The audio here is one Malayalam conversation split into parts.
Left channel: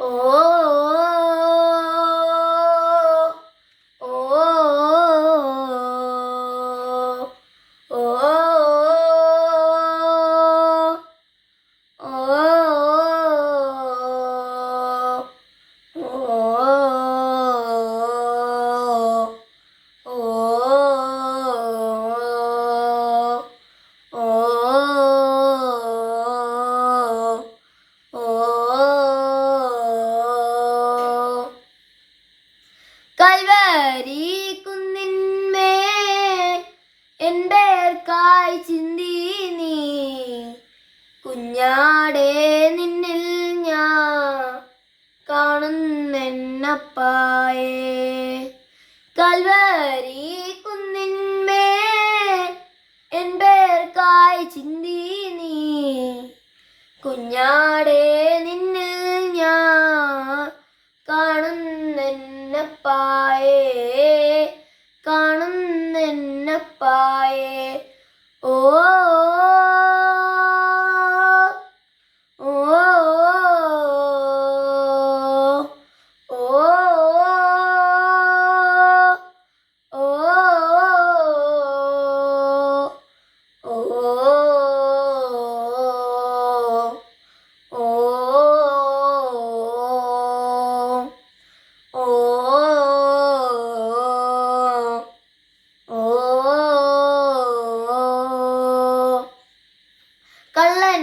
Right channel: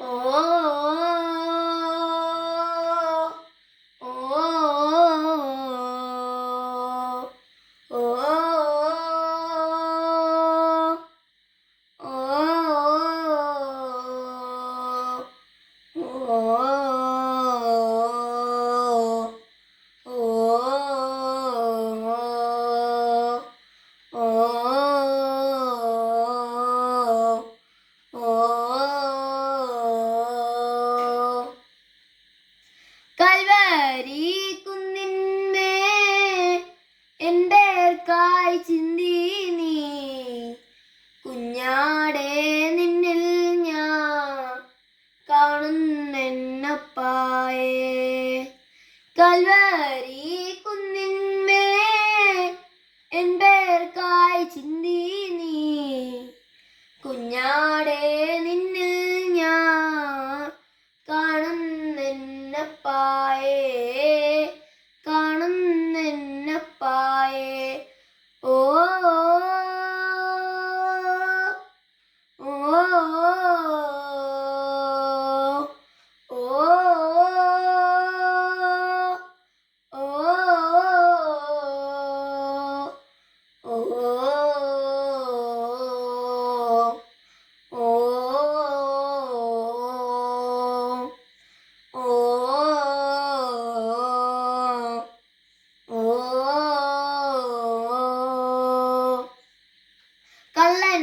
ഓ കായ് ചിന്തി നീ. കുഞ്ഞാടെ നിന്നിൽ ഞാൻ കാണുന്നെന്നപ്പായേ. കൽവരി കുന്നിന്മേ എന്റെ കായ് ചിന്തി നീ. കുഞ്ഞാടെ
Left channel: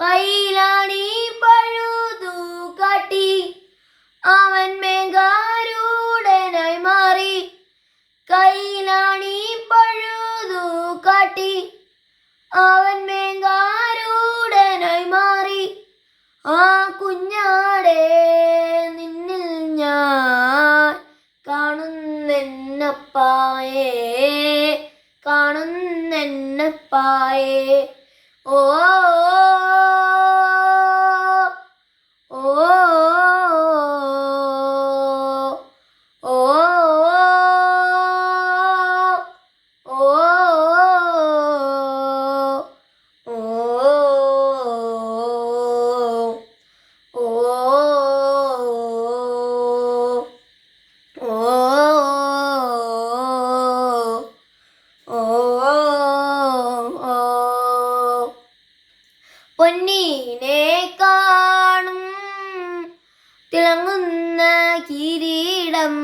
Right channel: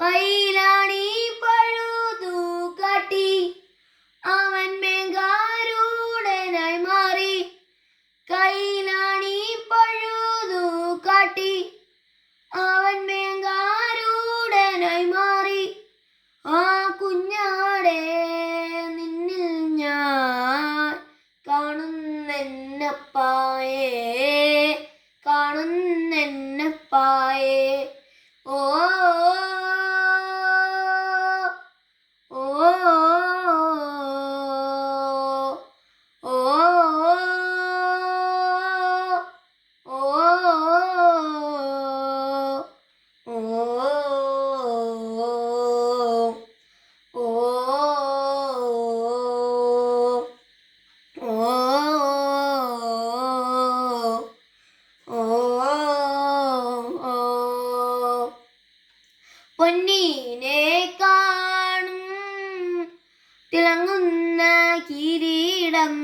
കൈലാണി പഴുതു കാട്ടി. അവൻ മേഘാരൂഢനായി മാറി. കൈലാണി പഴുതു കാട്ടി. അവൻ മേഘാരൂഢനായി മാറി. ആ കുഞ്ഞാടെ നിന്നിൽ ഞാൻ കാണുന്നെന്നപ്പായേ കാണുന്നെന്നപ്പായേ. ഓ തിളങ്ങുന്ന കിരീടം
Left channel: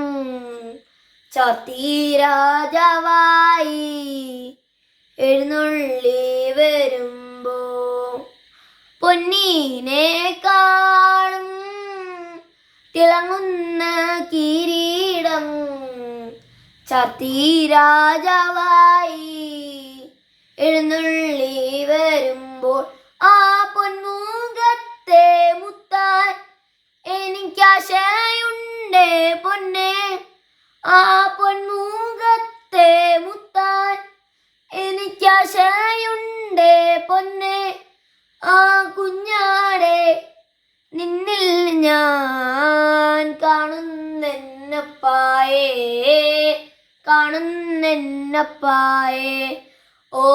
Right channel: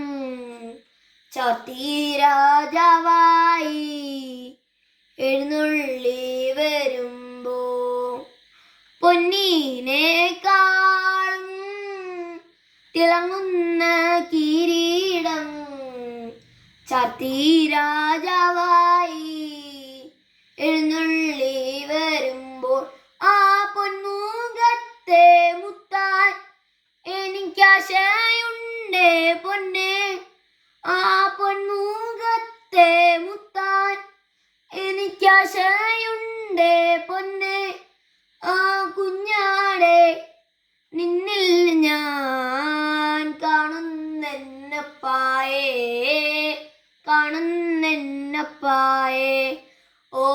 ചാത്തി രാജാവായി എഴുന്നള്ളി വരുമ്പോ പൊന്നീനെ കാണും. തിളങ്ങുന്ന കിരീടം ചത്തി രാജാവായി എഴുന്നള്ളി വരുമ്പോൾ ആ പൊന്മുഖത്തെ പൊന്നെ ആ പൊന്മുഖത്തെ മുത്താൻ എനിക്കാശയുണ്ട് പൊന്നെ. ആ കുഞ്ഞാടെ നിന്നിൽ ഞാൻ കാണുന്നെന്നപ്പായേ കാണുന്നെന്നപ്പായേ. ഓ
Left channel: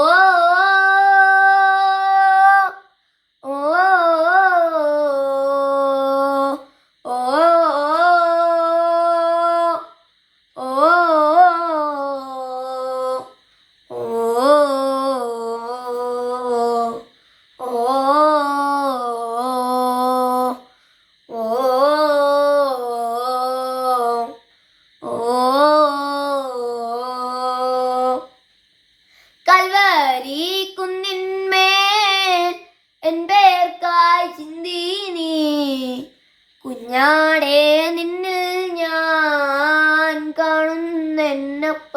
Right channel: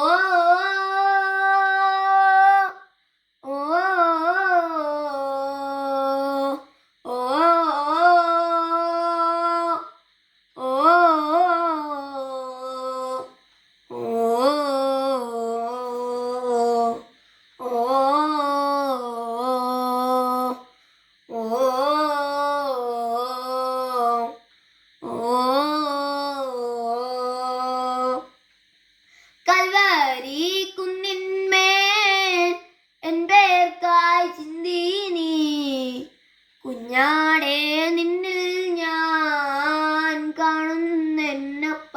കരിക്കുന്നിന്മേൽ എൻ നീ കുഞ്ഞാടേ നിന്നിൽ ഞാൻ കാണുന്നപ്പ